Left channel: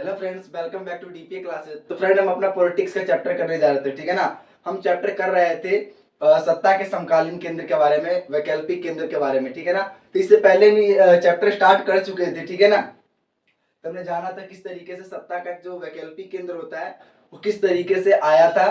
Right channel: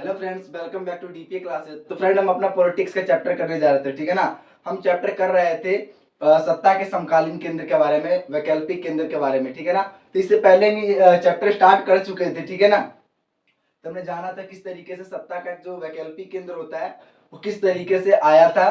Hello friends, welcome back to DPA classes. तो friend, हम अपना पॉलिटिक्स का चैप्टर करने जा रहे थे, ठीक है ना। हम चैप्टर कर रहे थे सत्ता के समकालीन केंद्र के बारे में, वैकल्पिक केंद्र के बारे में, ठीक है ना। तो इससे पहले भी चैप्टर स्टार्ट कर चुके थे, ठीक है ना। तो हमने जाना था किस तरीके से सत्ता का जो वैकल्पिक केंद्र होता है वो किस तरीके से आया था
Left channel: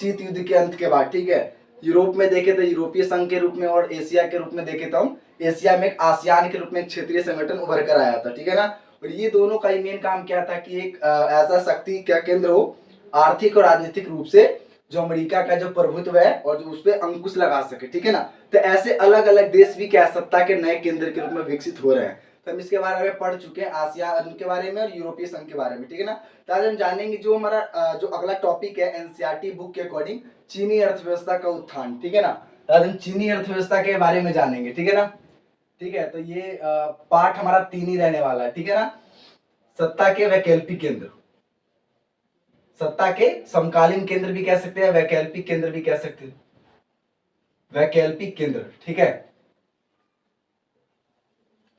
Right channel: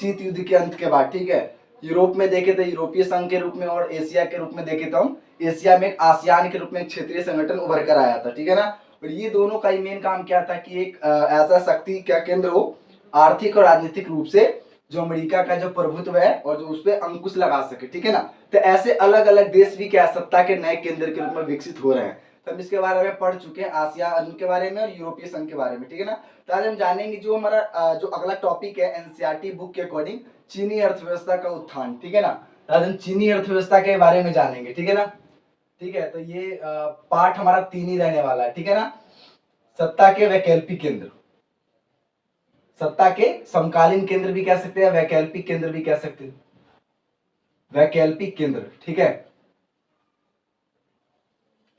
शीत युद्ध के अंत के बाद, ठीक है। यूरोप में देखे थे यूरोपीय संघ के रूप में, और एशिया के रूप में देखे तो हम एशिया में एक आसियान के रूप में एक क्षेत्रीय संगठन उभर कर आया था, ठीक है ना। और ये दोनों का ही मेन काम क्या था कि एक ऐसा शक्ति का केंद्र हो आर्थिक और राजनीतिक रूप से, जो अमेरिका का जो प्रभुत्व है और जो उस पर अंकुश लगा सके, ठीक है ना। तो ऐसे अलग अलग देश भी क्या सत्ता के नए केंद्र के रूप में विकसित हो रहे हैं। तो हम इसके बारे में पढ़ चुके हैं, आसियान के बारे में और यूरोपीय संघ के बारे में, ठीक है ना। तो आज हम जानेंगे जो हमारा जो अगला टॉपिक है एनसीईआरटी बुक के अकॉर्डिंग, चीनी अर्थव्यवस्था का उत्थान, ठीक है ना। तो आज हम चीनी अर्थव्यवस्था के बारे में जानेंगे, ठीक है ना। ठीक है, तो ये पार्ट हमारा 3 ही रहने वाला है, ठीक है ना। सत्ता के वैकल्पिक केंद्र, सत्ता के समकालीन केंद्र भी कह सकते हैं, वैकल्पिक केंद्र भी कह सकते हैं, वैकल्पिक केंद्र, ठीक है।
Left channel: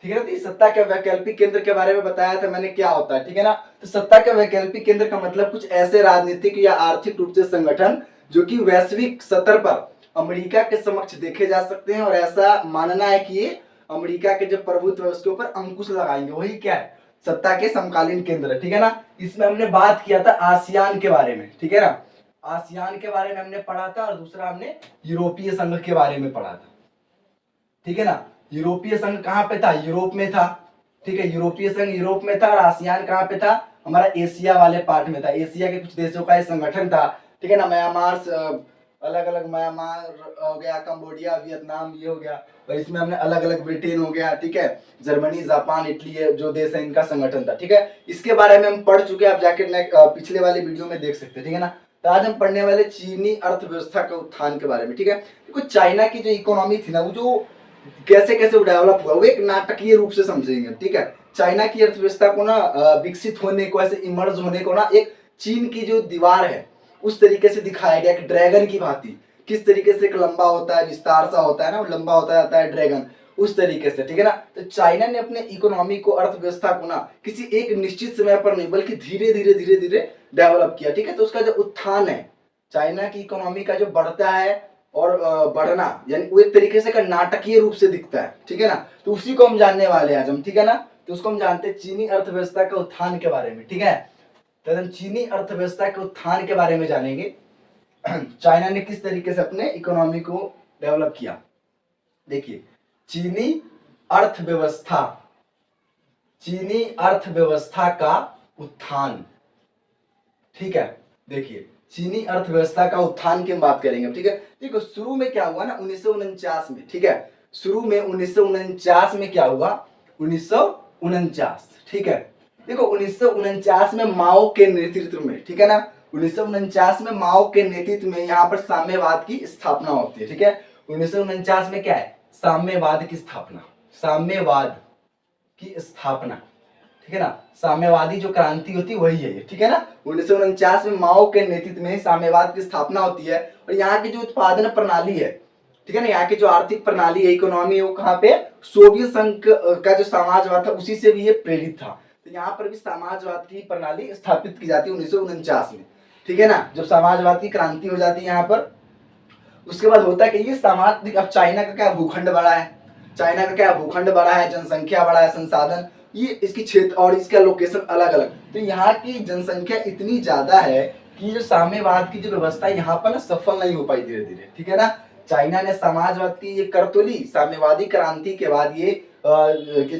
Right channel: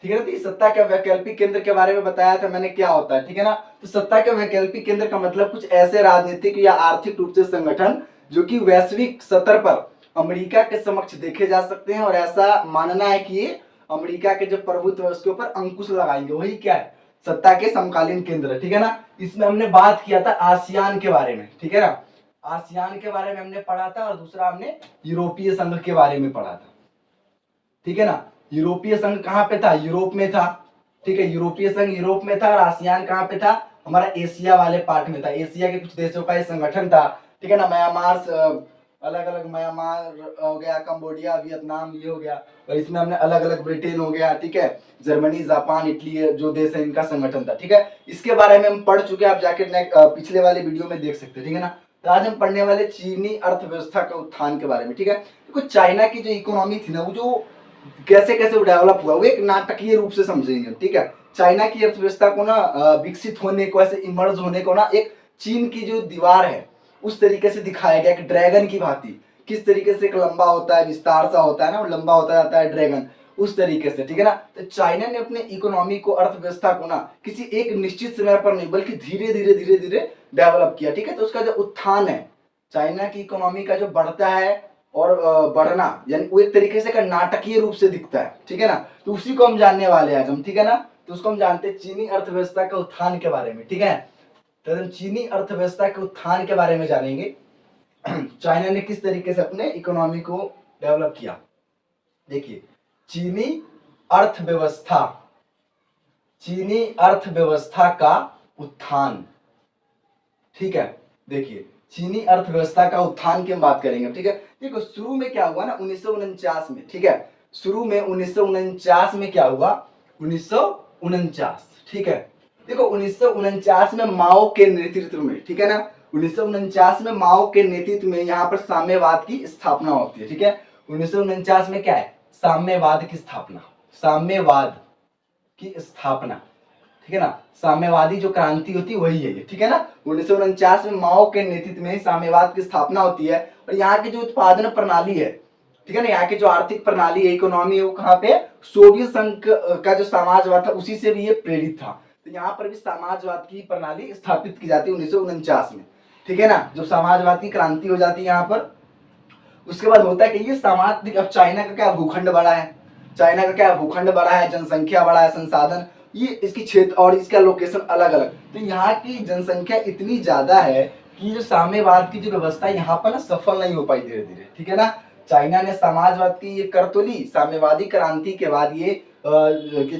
ठीक है, तो सत्ता के वैकल्पिक केंद्र के बारे में बताया था मैंने क्या होता है, ठीक है ना। तो सत्ता के वैकल्पिक केंद्र का मतलब कुछ ऐसे राजनीतिक या आर्थिक रूप से संगठन जो कि वैश्विक स्तर पर अमेरिका के समक्ष देखे जा सकते हैं, और ऐसा मानना है कि ये अमेरिका के जो प्रभुत्व है उसके ऊपर अंकुश लगाएंगे, वही क्या है सत्ता के समकालीन केंद्र, ठीक है ना। इसमें हमने बात किया था आसियान के बारे में, ठीक है ना। आसियान के बारे में हमने पढ़ा था, और दूसरा हमने यूरोपीय संघ के बारे में पढ़ा था, ठीक है ना। यूरोपीय संघ कहां पे था? यूरोप में था, ठीक है। यूरोपीय संघ यूरोप में था, और आसियान कहां पे था? हमारा एशिया वाले पार्ट में था। एशिया के कुछ देशों का ये संगठन था, ठीक है ना। म्यांमार, अलग अलग म्यांमार हो गया, कंबोडिया, वियतनाम, ये हो गया। और इसमें हमने अलग अलग ब्रिटेन हो गया, ठीक है, जर्मनी, जापान, इटली, जो देश है इनका संगठन था, ठीक है। इसके बारे में हम पढ़ चुके हैं, आप जाके पिछले वाले वीडियो में देख सकते हैं, ठीक है ना। तो आज हम पढ़ने वाले चीनी अर्थव्यवस्था का उत्थान के बारे में, ठीक है। देखो चाइना की जो इकोनॉमी थी ना, वो जो कैसे कैसे वो डेवलप हुआ, वो एक नाटकीय रूप से समझेंगे, ठीक है। चाइना की अर्थव्यवस्था को ना विकसित होने को, ऐसे इमर्ज होने को ना, एक चीन की जो दीवार है उस तरीके से दिखाया गया कि ड्रैगन की भांति किस तरीके से एक लंबा होता है, विस्तार सा होता है ना, वो लंबा होता जाता है ड्रैगन, उस तरीके से, ठीक है ना। तो चाइना ने अपने इकोनॉमी को, अर्थव्यवस्था को ना किसी एक निश्चित समय पर नहीं बल्कि धीरे धीरे धीरे धीरे डेवलप किया, ठीक है। तो उसका जो उत्थान है, चाइना की इकोनॉमी का जो बढ़ता है और बढ़ना, यानी वो एक तरीके से का नाटकीय रूप से दिखता है, ठीक है ना। तो उसी को हम जानने वाले हैं आज हम, ठीक है ना। तो उसको हम जानते हैं चीनी अर्थव्यवस्था के उत्थान के बारे में, ठीक है। तो हम चीनी अर्थव्यवस्था के उत्थान के बारे में जानेंगे। चाइना ने किस तरीके से अपने इकोनॉमी को डेवलप किया। देखिए, चीनी अर्थव्यवस्था, चीनी अर्थव्यवस्था का उत्थान, ठीक है। देखिए, चीनी अर्थव्यवस्था का उत्थान की हम बात करेंगे, ठीक है। देखो शुरू में क्या हुआ ना 1949 में, ठीक है। शुरू में 1949 में क्या हुआ? 1949, ठीक है। देखो 1949 में माओ के नेतृत्व में, ठीक है ना, 1949 में माओ के नेतृत्व में यहाँ पर साम्यवाद की स्थापना होती है, ठीक है। 1949 में क्या है? साम्यवाद की स्थापना, साम्यवाद की स्थापना, ठीक है ना। साम्यवादी जो क्रांति होती है वही है ये, ठीक है ना। 1949 में माओ के नेतृत्व में साम्यवाद की स्थापना होती है, और यहाँ की जो उत्पादन प्रणाली है, ठीक है ना, यहाँ की जो आर्थिक प्रणाली है, इकोनॉमी है, वो कहाँ पे? सोवियत संघ का जो समाजवाद था उसी से भी ये प्रेरित था। तो यहाँ पर भी समाजवाद की प्रणाली स्थापित की जाती है 1949 में, ठीक है ना। जब समाजवाद की क्रांति हो जाती है यहाँ पर, उसके बाद होता है कि ये समाज, अब चाइना का क्या भूखंड बड़ा है, चाइना का क्या भूखंड बड़ा है, जनसंख्या बड़ा है, संसाधन, ये इसकी क्षेत्र और इसका लोकेशन अलग अलग, तो यहाँ की जनसंख्या इतनी ज्यादा है कि जो साम्यवाद की जो व्यवस्था है यहाँ पर ना सफल नहीं हो पाई धीरे धीरे, ठीक है ना। चाइना ने समाजवाद की ये कर तो ली, साम्यवादी क्रांति के बाद ये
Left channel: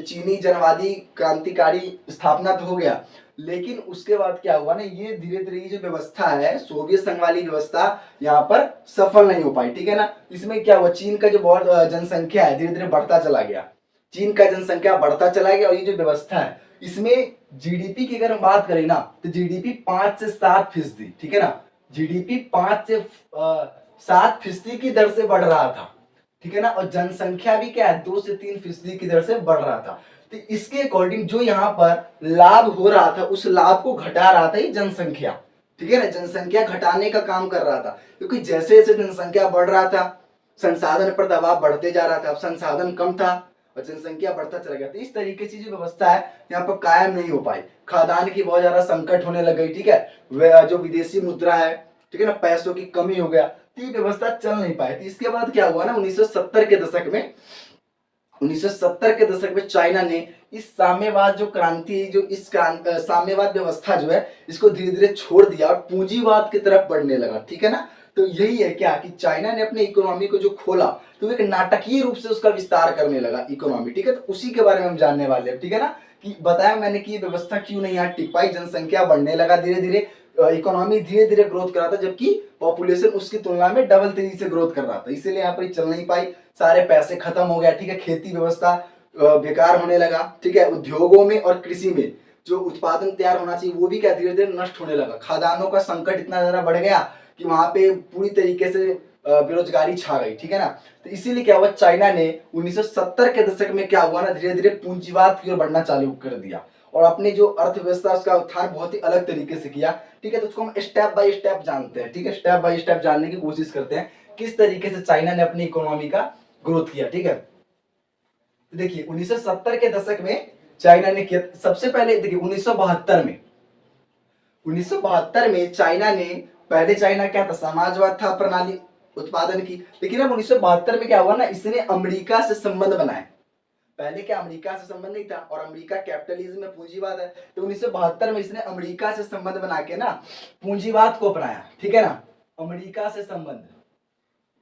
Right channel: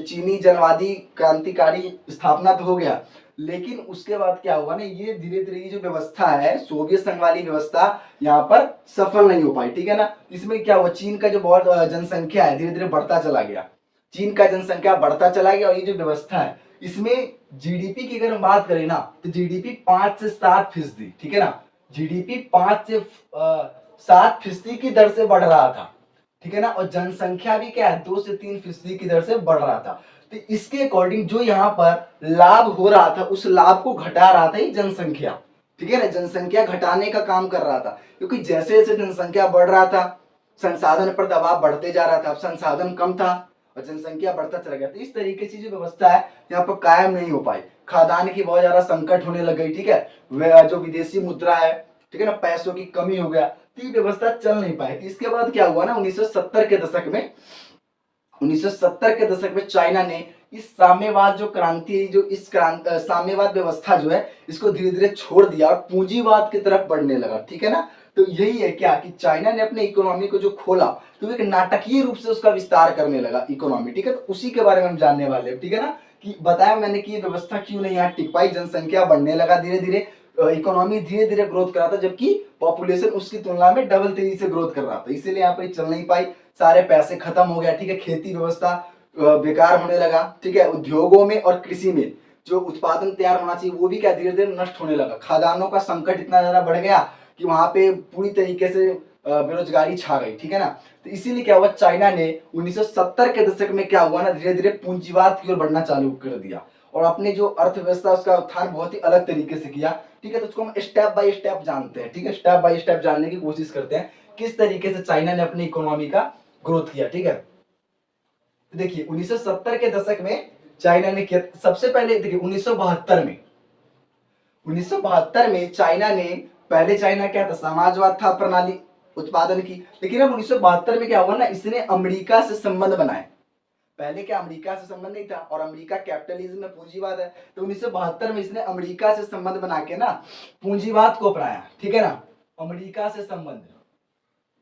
चीनी जनवादी क्रांतिकारी स्थापना तो हो गया, लेकिन उसके बाद क्या हुआ ना, ये धीरे धीरे ये जो व्यवस्था है सोवियत संघ वाली व्यवस्था यहाँ पर सफल नहीं हो पाई, ठीक है ना। इसमें क्या हुआ, चीन का जो बहुत जनसंख्या है धीरे धीरे बढ़ता चला गया, चीन का जनसंख्या बढ़ता चला गया, और ये जो व्यवस्था है इसमें जीडीपी की अगर हम बात करें ना, तो जीडीपी 5 से 7%, ठीक है ना। जीडीपी 5 से 7% की दर से बढ़ रहा था, ठीक है ना। और जनसंख्या भी क्या है, 2 से 3% की दर से बढ़ रहा था। तो इसके अकॉर्डिंग जो यहाँ पर लाभ हो रहा था उस लाभ को घटा रहा था ये जनसंख्या, ठीक है ना। जनसंख्या घटाने का काम कर रहा था, क्योंकि जैसे जैसे जनसंख्या बढ़ रहा था संसाधन पर दबाव बढ़ते जा रहा था, अब संसाधन कम था, और जनसंख्या बढ़ता चला गया। तो इस तरीके से जो व्यवस्था है यहाँ पर कायम नहीं हो पाई, खाद्यान्न की बहुत ज्यादा संकट होने लग गई, ठीक है, जो विदेशी मुद्रा है, ठीक है ना, पैसों की कमी हो गया, तो ये व्यवस्था चल नहीं पाई। इसके बाद क्या हुआ ना, 1970 के दशक में 1970 के दशक में चाइना ने इस साम्यवाद जो क्रांति है, जो इस साम्यवाद व्यवस्था जो है, इसको धीरे धीरे छोड़ दिया और पूंजीवाद की तरफ बढ़ने लगा, ठीक है ना। तो यही है क्या कि चाइना ने अपने इकोनॉमी को जो खोला तो एक नाटकीय रूप से उसका विस्तार करने लगा इकोनॉमी, ठीक है। तो उसी के बारे में हम जानने वाले हैं, ठीक है ना, कि बताया मैंने कि ये व्यवस्था क्यों नहीं यहाँ टिक पाई, जनसंख्या बढ़ने लगा धीरे धीरे, इकोनॉमी धीरे धीरे ग्रोथ कर रहा था, जबकि पॉपुलेशन उसकी तुलना में डबल तेजी से ग्रोथ कर रहा था, इसीलिए यहाँ पर चल नहीं पाई, सारे पैसे खत्म हो गया, ठीक है, खेती व्यवस्था बेकार होने लगा, ठीक है, उद्योगों में और कृषि में जो उत्पादन तैयार होना चाहिए वो भी क्या धीरे धीरे नष्ट होने लगा, खाद्यान्नों का संकट इतना ज्यादा बढ़ गया कि वहां पे पूरी तरीके से बेरोजगारी छा गई, ठीक है ना। तो इसीलिए क्या हुआ, चाइना ने 1970 के दशक में क्या हुआ ना, धीरे धीरे पूंजीवाद की ओर बढ़ना चालू कर दिया और अपनी जो अर्थव्यवस्था उसका उत्थान बहुत ही अलग तरीके से किया, ठीक है। तो उसको हम स्टेप बाय स्टेप जानते हैं, ठीक है, स्टेप बाय स्टेप जानने की कोशिश करते हैं किस तरीके से चाइना ने अपनी इकोनॉमी का ग्रोथ किया, ठीक है। तो देखिए 1970 के दशक में चाइना ने किया, सबसे पहले देखिए 1972 में चाइना ने, पहले चाइना क्या था, समाजवाद था प्रणाली उत्पादन की, लेकिन अब 1972 में क्या हुआ ना, इसने अमेरिका से संबंध बनाए, पहले क्या अमेरिका से संबंध नहीं था और अमेरिका कैपिटलिज्म में पूंजीवाद है, तो 1972 में इसने अमेरिका से संबंध बना के ना पूंजीवाद को अपनाया, ठीक है ना, अमेरिका से संबंध,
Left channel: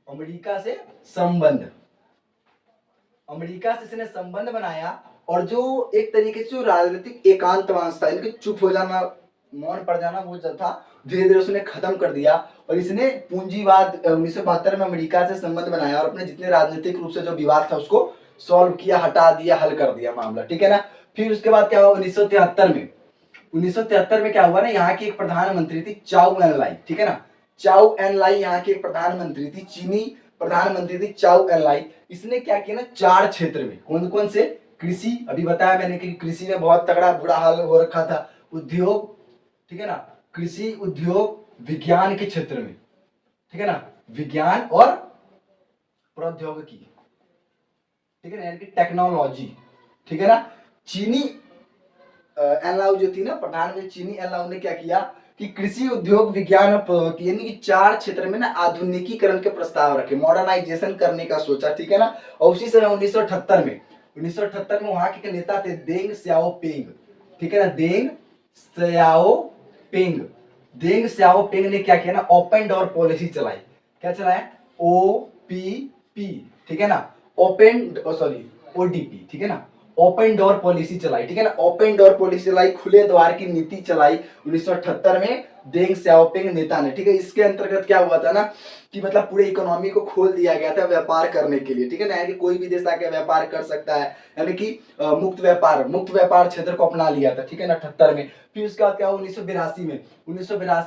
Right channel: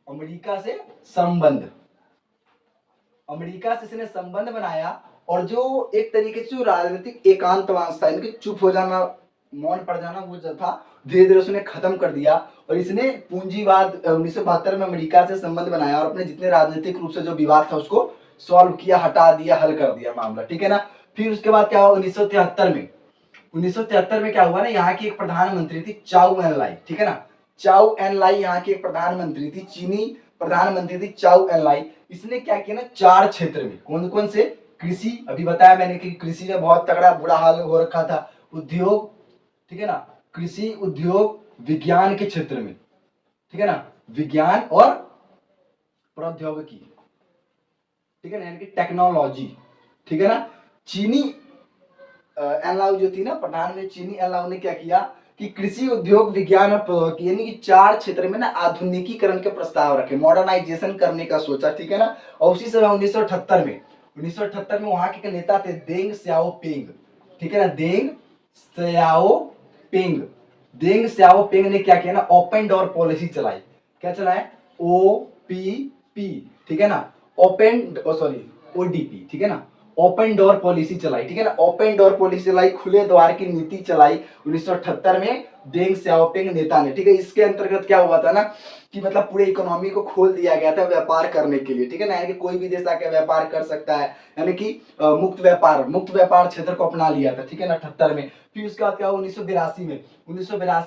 अमेरिका से संबंध, अमेरिका से इसने संबंध बनाया और जो एक तरीके से जो राजनीतिक एकांतवास था, इनके चुप हो जाना, मौन पड़ जाना, वो जो था धीरे धीरे उसने खत्म कर दिया और इसने पूंजीवाद 1972 में अमेरिका से संबंध बनाया और अपने जितने राजनीतिक रूप से जो विवाद था उसको सॉल्व किया, हटा दिया, हल कर दिया मामला, ठीक है ना। फिर उसके बाद क्या हुआ 1973 में क्या हुआ ना, यहाँ की एक प्रधानमंत्री थी चाउ एन लाई, ठीक है ना, चाउ एन लाई यहाँ की एक प्रधानमंत्री थी, चीनी प्रधानमंत्री थी चाउ एन लाई। इसने क्या किया ना, 4 क्षेत्र में, कौन कौन से, कृषि, अभी बताया मैंने कि कृषि में बहुत तगड़ा बुरा हाल हो रखा था, उद्योग, ठीक है ना, कृषि, उद्योग, विज्ञान के क्षेत्र में, ठीक है ना, विज्ञान और प्रौद्योगिकी, ठीक है ना, यानी कि टेक्नोलॉजी, ठीक है ना। चीनी एनलाउ जो थी ना, प्रधानमंत्री चीनी एनलाउ ने क्या किया कि कृषि, उद्योग, विज्ञान और प्रौद्योगिकी यानी कि 4 क्षेत्र में ना आधुनिकीकरण के प्रस्ताव रखे, मॉडर्नाइजेशन करने का सोचा, ठीक है ना। और उसी समय 1978 में वहां के नेता थे देंग स्याओपिंग, ठीक है ना, देंग स्याओपिंग ने क्या किया ना, ओपन डोर पॉलिसी चलाई, क्या चलाया, OPP, ठीक है ना, ODP, ठीक है ना, ओपन डोर पॉलिसी चलाई, ठीक है ना, ओपन डोर पॉलिसी चलाई, खुले द्वार की नीति चलाई 1978 में देंग स्याओपिंग नेता ने, ठीक है। इसके अंतर्गत क्या हुआ था ना कि मतलब पूरे इकोनॉमी को खोल दिया गया था व्यापार करने के लिए, ठीक है ना, यानी कि कोई भी देश आके व्यापार कर सकता है, यानी कि मुक्त व्यापार क्षेत्र को अपना लिया था, ठीक है ना, 78 में। फिर उसके बाद क्या हुआ 1982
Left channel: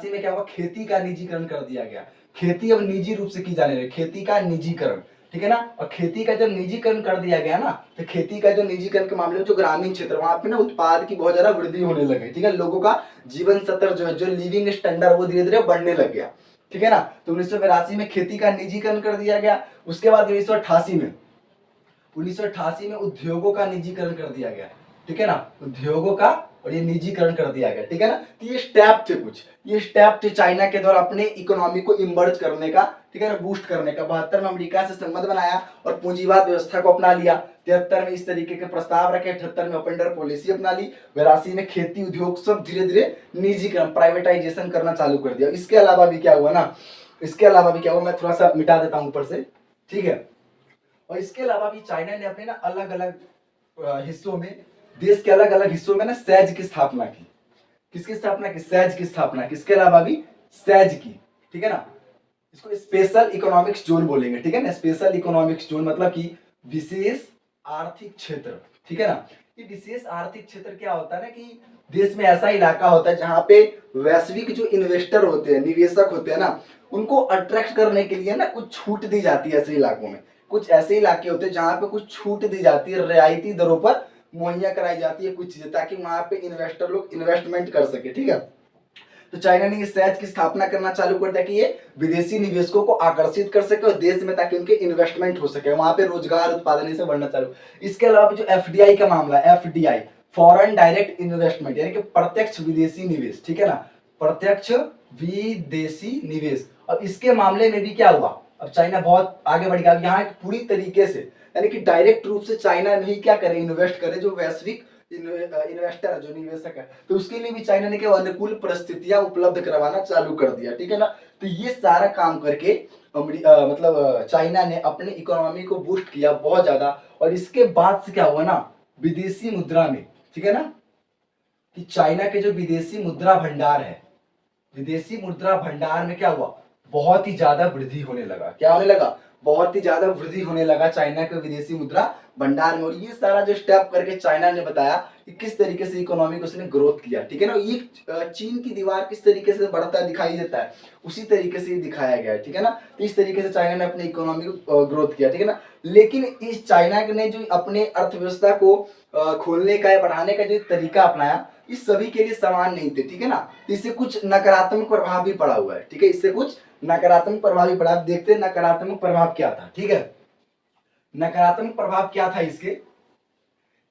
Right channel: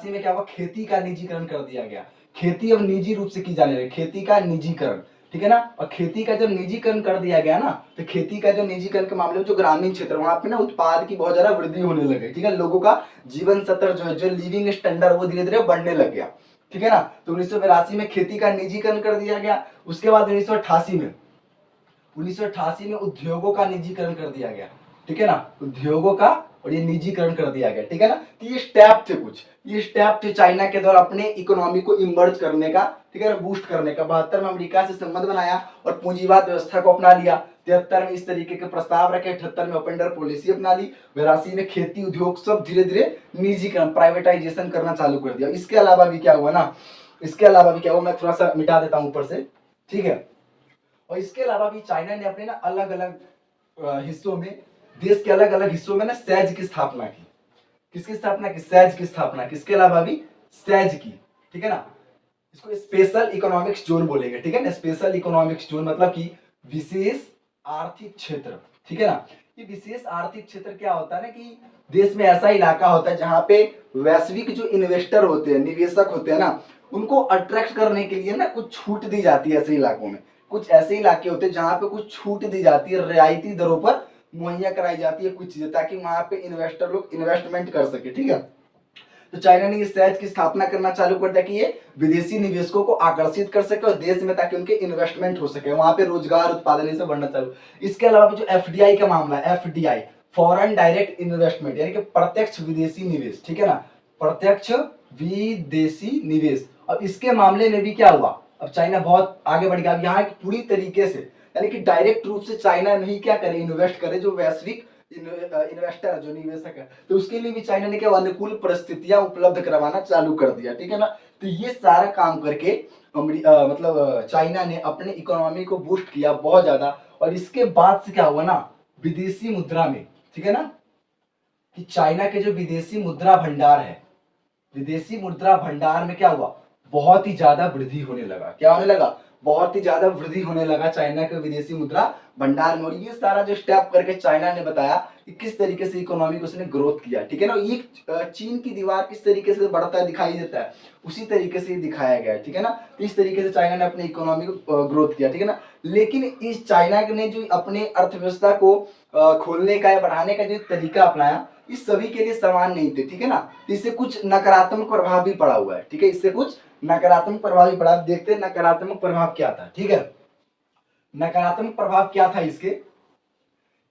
में क्या हुआ, खेती का निजीकरण कर दिया गया, खेती अब निजी रूप से की जाने लगी, खेती का निजीकरण, ठीक है ना। और खेती का जब निजीकरण कर दिया गया ना, तो खेती का जो निजीकरण के मामले में जो ग्रामीण क्षेत्र वहां पे ना उत्पाद की बहुत ज्यादा वृद्धि होने लगी, ठीक है, लोगों का जीवन स्तर जो है, जो लिविंग स्टैंडर्ड वो धीरे धीरे बढ़ने लग गया, ठीक है ना। तो 1982 में खेती का निजीकरण कर दिया गया। उसके बाद 1988 में उद्योगों का निजीकरण कर दिया गया, ठीक है ना, उद्योगों का और ये निजीकरण कर दिया गया, ठीक है ना। तो ये स्टेप थे कुछ, ये स्टेप थे चाइना के द्वारा अपने इकोनॉमी को इमर्ज करने का, ठीक है ना, बूस्ट करने का। 72 में अमेरिका से संबंध बनाया और पूंजीवाद व्यवस्था को अपना लिया। 73 में इस तरीके के प्रस्ताव रखे, 78 में ओपन डोर पॉलिसी अपना ली, 82 में खेती, उद्योग सब धीरे धीरे निजीकरण, प्राइवेटाइजेशन करना चालू कर दिया। इसके अलावा भी क्या हुआ ना, इसके अलावा भी क्या हुआ, मैं थोड़ा सा मिटा देता हूं ऊपर से, ठीक है। और इसके अलावा भी चाइना ने अपने ना अलग अलग हिस्सों में, देश के अलग अलग हिस्सों में ना सेज की स्थापना की। किसकी स्थापना की, सेज की स्थापना की। इसके अलावा भी सेज की, ठीक है ना, इसको स्पेशल इकोनॉमिक्स जोन बोलेंगे, ठीक है ना, स्पेशल इकोनॉमिक्स जोन मतलब कि विशेष आर्थिक क्षेत्र, ठीक है ना। ये विशेष आर्थिक क्षेत्र क्या होता है ना कि देश में ऐसा इलाका होता है जहां पे वैश्विक जो इन्वेस्टर होते हैं, निवेशक होते हैं ना, उनको अट्रैक्ट करने के लिए ना कुछ छूट दी जाती है ऐसे इलाकों में। कुछ ऐसे इलाके होते हैं जहां पे कुछ छूट दी जाती है, रियायती दरों पर मुहैया कराई जाती है कुछ चीजें, ताकि वहां पे इन्वेस्टर लोग इन्वेस्टमेंट कर सके, ठीक है। तो चाइना ने इस सहज की स्थापना करना चालू कर दिया कि ये विदेशी निवेशकों को आकर्षित कर सके और देश में, ताकि उनके इन्वेस्टमेंट हो सके, वहां पे रोजगार उत्पादन से बढ़ना चालू। इसके अलावा जो एफडीआई का मामला है, एफडीआई फॉरेन डायरेक्ट इन्वेस्टमेंट, यानी कि प्रत्यक्ष विदेशी निवेश, ठीक है ना, प्रत्यक्ष विदेशी निवेश। अब इसके मामले में भी क्या हुआ, अब चाइना बहुत आगे बढ़ गया। अब यहाँ पूरी तरीके से, यानी कि डायरेक्ट रूप से चाइना नहीं क्या करे, इन्वेस्ट करे, जो वैश्विक इन्वेस्टर जो निवेशक है, तो उसके लिए भी चाइना ने क्या अनुकूल परिस्थितियां उपलब्ध करवाना चालू कर दिया, ठीक है ना। तो ये सारा काम करके मतलब चाइना ने अपने इकोनॉमी को बूस्ट किया बहुत ज्यादा। और इसके बाद से क्या हुआ ना, विदेशी मुद्रा में, ठीक है ना, कि चाइना के जो विदेशी मुद्रा भंडार है, विदेशी मुद्रा भंडार में क्या हुआ, बहुत ही ज्यादा वृद्धि होने लगा। क्या होने लगा, बहुत ही ज्यादा वृद्धि होने लगा चाइना के विदेशी मुद्रा भंडार में। और ये सारा जो स्टेप करके चाइना ने बताया कि किस तरीके से इकोनॉमी को उसने ग्रोथ किया, ठीक है ना। ये चीन की दीवार किस तरीके से बढ़ता दिखाई देता है, उसी तरीके से ही दिखाया गया है, ठीक है ना। तो इस तरीके से चाइना ने अपनी इकोनॉमी को ग्रोथ किया, ठीक है ना। लेकिन इस चाइना ने जो अपने अर्थव्यवस्था को खोलने का या बढ़ाने का जो तरीका अपनाया, इस सभी के लिए समान नहीं थे, ठीक है ना। इससे कुछ नकारात्मक प्रभाव भी पड़ा हुआ है, ठीक है, इससे कुछ नकारात्मक प्रभाव भी पड़ा। देखते हैं नकारात्मक प्रभाव क्या था, ठीक है। नकारात्मक प्रभाव क्या था इसके,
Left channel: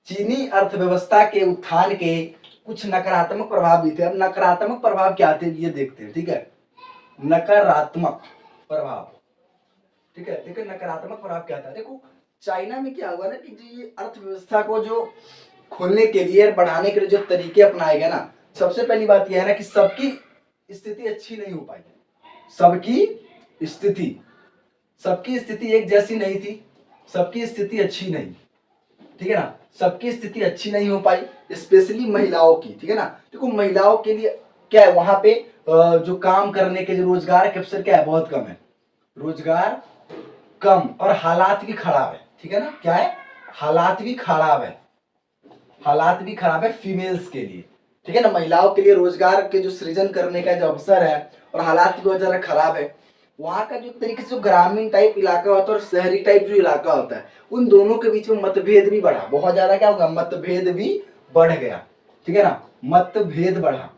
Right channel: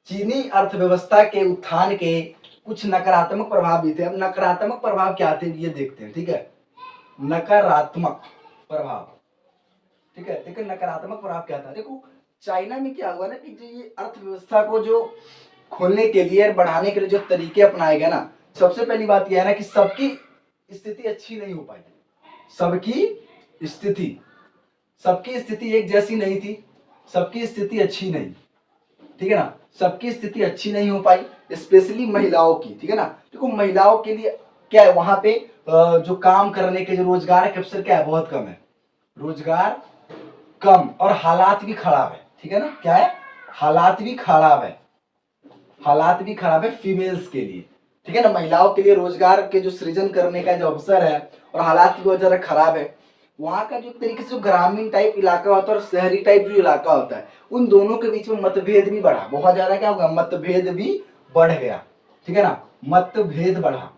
चीनी अर्थव्यवस्था के उत्थान के कुछ नकारात्मक प्रभाव भी थे। अब नकारात्मक प्रभाव क्या थे ये देखते हैं, ठीक है। नकारात्मक प्रभाव, ठीक है, देखो नकारात्मक प्रभाव क्या था। देखो चाइना में क्या हुआ ना कि जो ये अर्थव्यवस्था को जो खोलने के लिए, बढ़ाने के लिए जो तरीके अपनाए गए ना, सबसे पहली बात यह है ना कि सबकी स्थिति अच्छी नहीं हो पाई। सबकी स्थिति, सबकी स्थिति एक जैसी नहीं थी, सबकी स्थिति अच्छी नहीं, ठीक है ना, सबकी स्थिति अच्छी नहीं हो पाई, स्पेशली महिलाओं की, ठीक है ना। देखो महिलाओं के लिए क्या है, वहां पे जो काम करने के जो रोजगार के अवसर क्या है, बहुत कम है, रोजगार कम, और हालात भी खराब है, ठीक है ना। क्या है, हालात भी खराब है, हालात भी खराब है फीमेल्स के लिए, ठीक है ना। महिलाओं के लिए रोजगार के जो सृजन करने का जो अवसर है और हालात भी बहुत ज्यादा खराब है। वहां का जो एक तरीके से जो ग्रामीण टाइप इलाका होता है और शहरी टाइप जो इलाका होता है, उन दोनों के बीच में मतभेद भी बढ़ा, बहुत ज्यादा क्या होगा, मतभेद भी बढ़ गया, ठीक है ना, मतभेद बढ़ा,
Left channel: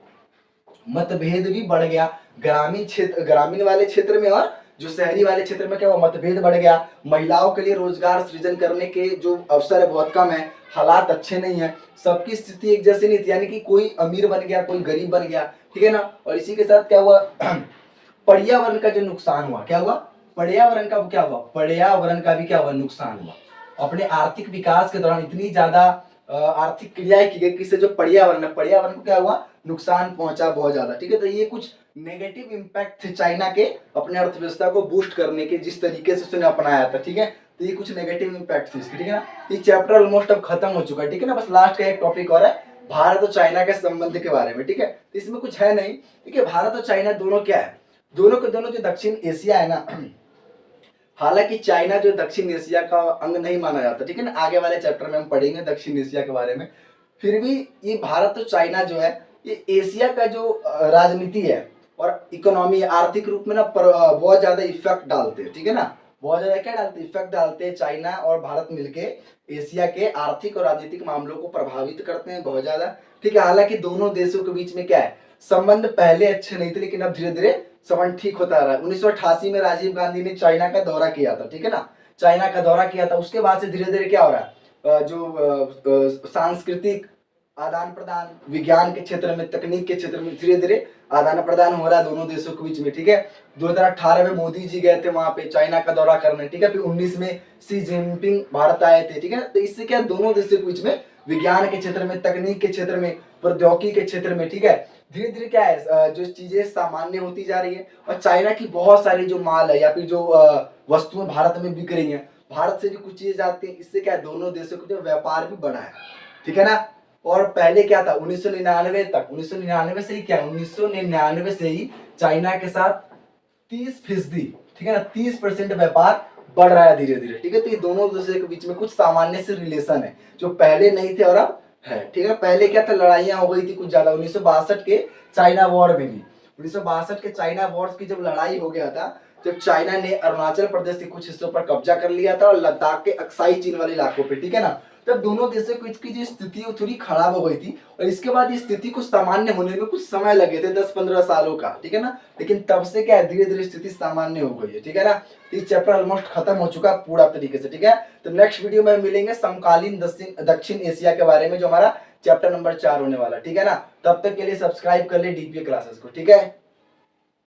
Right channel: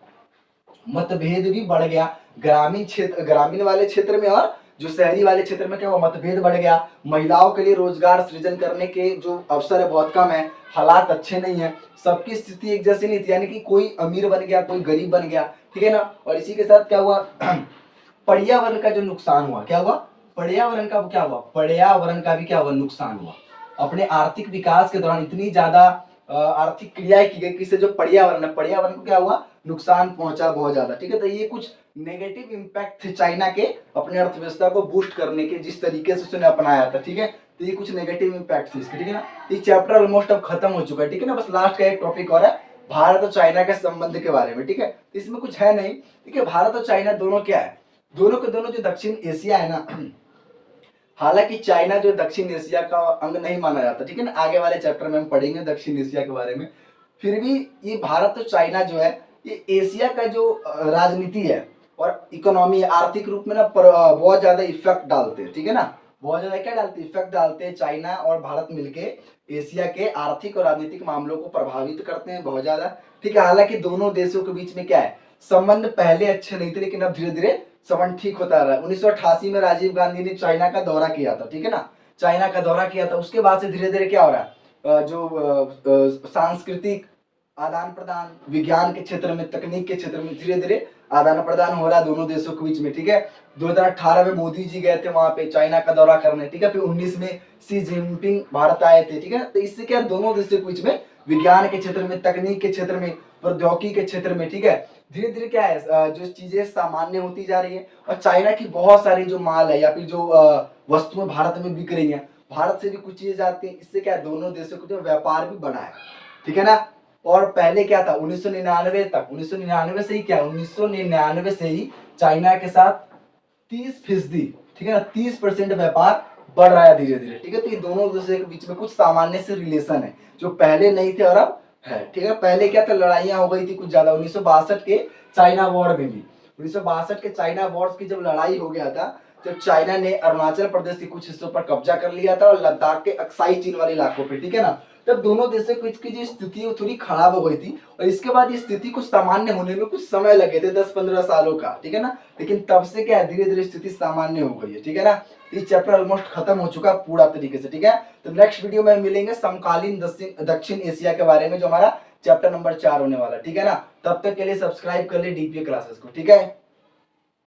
मतभेद भी बढ़ गया ग्रामीण क्षेत्र, ग्रामीण वाले क्षेत्र में और जो शहरी वाले क्षेत्र में क्या हुआ, मतभेद बढ़ गया। महिलाओं के लिए रोजगार सृजन करने के जो अवसर है बहुत कम है, हालात अच्छे नहीं है, सबकी स्थिति एक जैसी नहीं थी, यानी कि कोई अमीर बन गया, कोई गरीब बन गया, ठीक है ना। और इसी के साथ क्या हुआ, पर्यावरण का जो नुकसान हुआ, क्या हुआ, पर्यावरण का क्या हुआ, पर्यावरण का भी क्या हुआ, नुकसान हुआ। अपने आर्थिक विकास के दौरान इतनी ज्यादा आर्थिक क्रियाएं की गई कि इससे जो पर्यावरण है, पर्यावरण को क्या हुआ, नुकसान पहुंचा बहुत ज्यादा, ठीक है। तो ये कुछ नेगेटिव इम्पैक्ट थे चाइना के अपने अर्थव्यवस्था को बूस्ट करने के, जिस तरीके से उसने अपनाया था, ठीक है। तो ये कुछ नेगेटिव इम्पैक्ट थे इसके, ठीक है ना। ये चैप्टर ऑलमोस्ट अब खत्म हो चुका है, ठीक है ना। बस लास्ट का एक टॉपिक और है, भारत और चाइना के संबंध के बारे में, ठीक है। तो इसमें कुछ है नहीं, ठीक है। भारत और चाइना दोनों क्या है, दोनों के दोनों जो दक्षिण एशिया है ना, हालांकि चाइना जो दक्षिण एशिया का अंग नहीं माना जाता, ठीक है ना, आगे वाले चैप्टर में हम पढ़ेंगे दक्षिण एशिया के बारे में। फिर भी ये भारत और चाइना जो है, ये एशिया का जो राजनीति है और इकोनॉमी, आर्थिक रूप में ना बहुत ज्यादा इफेक्ट डालते हैं, ठीक है ना। बहुत ज्यादा क्या डालते हैं, इफेक्ट डालते हैं। चाइना और भारत मिलके एशिया के आर्थिक और राजनीतिक मामलों को प्रभावित करते हैं बहुत ज्यादा, ठीक है। हालांकि दोनों देशों के बीच में क्या है, संबंध पहले अच्छे नहीं थे, लेकिन अब धीरे धीरे संबंध ठीक होता रहा है। 1988 में राजीव गांधी ने चाइना का दौरा किया था, ठीक है ना, चाइना का दौरा किया था। उसके बाद से धीरे धीरे क्या हो रहा है, जो सांस्कृतिक आदान प्रदान, विज्ञान के क्षेत्र में, तकनीक के क्षेत्र में धीरे धीरे आदान प्रदान हो रहा है दोनों देशों के बीच में, ठीक है। 2018 में मोदी जी गए थे वहां पे चाइना का दौरा करने, ठीक है। फिर 19 में सी जिनपिंग भारत आए थे, ठीक है। तो इससे क्या दोनों देशों के बीच में विज्ञान के क्षेत्र में, तकनीक के क्षेत्र में, प्रौद्योगिकी के क्षेत्र में, ठीक है, धीरे धीरे क्या है, जो चीजें सामान्य होती जा रही है। और चाइना की बहुत सारी जो माल है या फिर जो वस्तुएं भारत में बिक रही हैं, भारत से भी कुछ चीजें जाती हैं। इससे क्या है, दोनों देशों का जो व्यापार भी बढ़ा है, ठीक है ना। और पहले क्या था, 1999 तक, 1999 से ही क्या है, 1999 से ही चाइना के साथ 30%, ठीक है ना, 30% व्यापार बढ़ रहा है धीरे धीरे, ठीक है। तो ये दोनों देशों के बीच में कुछ सामान्य से रिलेशन है जो पहले नहीं थे और अब है, ठीक है। पहले क्या था, लड़ाइयां हो गई थी कुछ ज्यादा, 1962 के चाइना वॉर में भी, 1962 के चाइना वॉर की जब लड़ाई हो गया था, जब चाइना ने अरुणाचल प्रदेश के कुछ हिस्सों पर कब्जा कर लिया था और लद्दाख के अक्साई चीन वाले इलाकों पे, ठीक है ना, तब दोनों देशों की जो स्थिति है वो थोड़ी खराब हो गई थी और इसके बाद इस स्थिति को सामान्य होने में कुछ समय लगे थे, 10-15 सालों का, ठीक है ना। लेकिन तब से क्या है, धीरे धीरे स्थिति सामान्य हो गई है, ठीक है ना। तो ये चैप्टर ऑलमोस्ट खत्म हो चुका पूरा तरीके से, ठीक है। तो नेक्स्ट वीडियो में मिलेंगे समकालीन दक्षिण एशिया के बारे में, जो हमारा चैप्टर नंबर 4 होने वाला, ठीक है ना। तब तक के लिए सब्सक्राइब कर ले डीपीए क्लासेस को, ठीक है।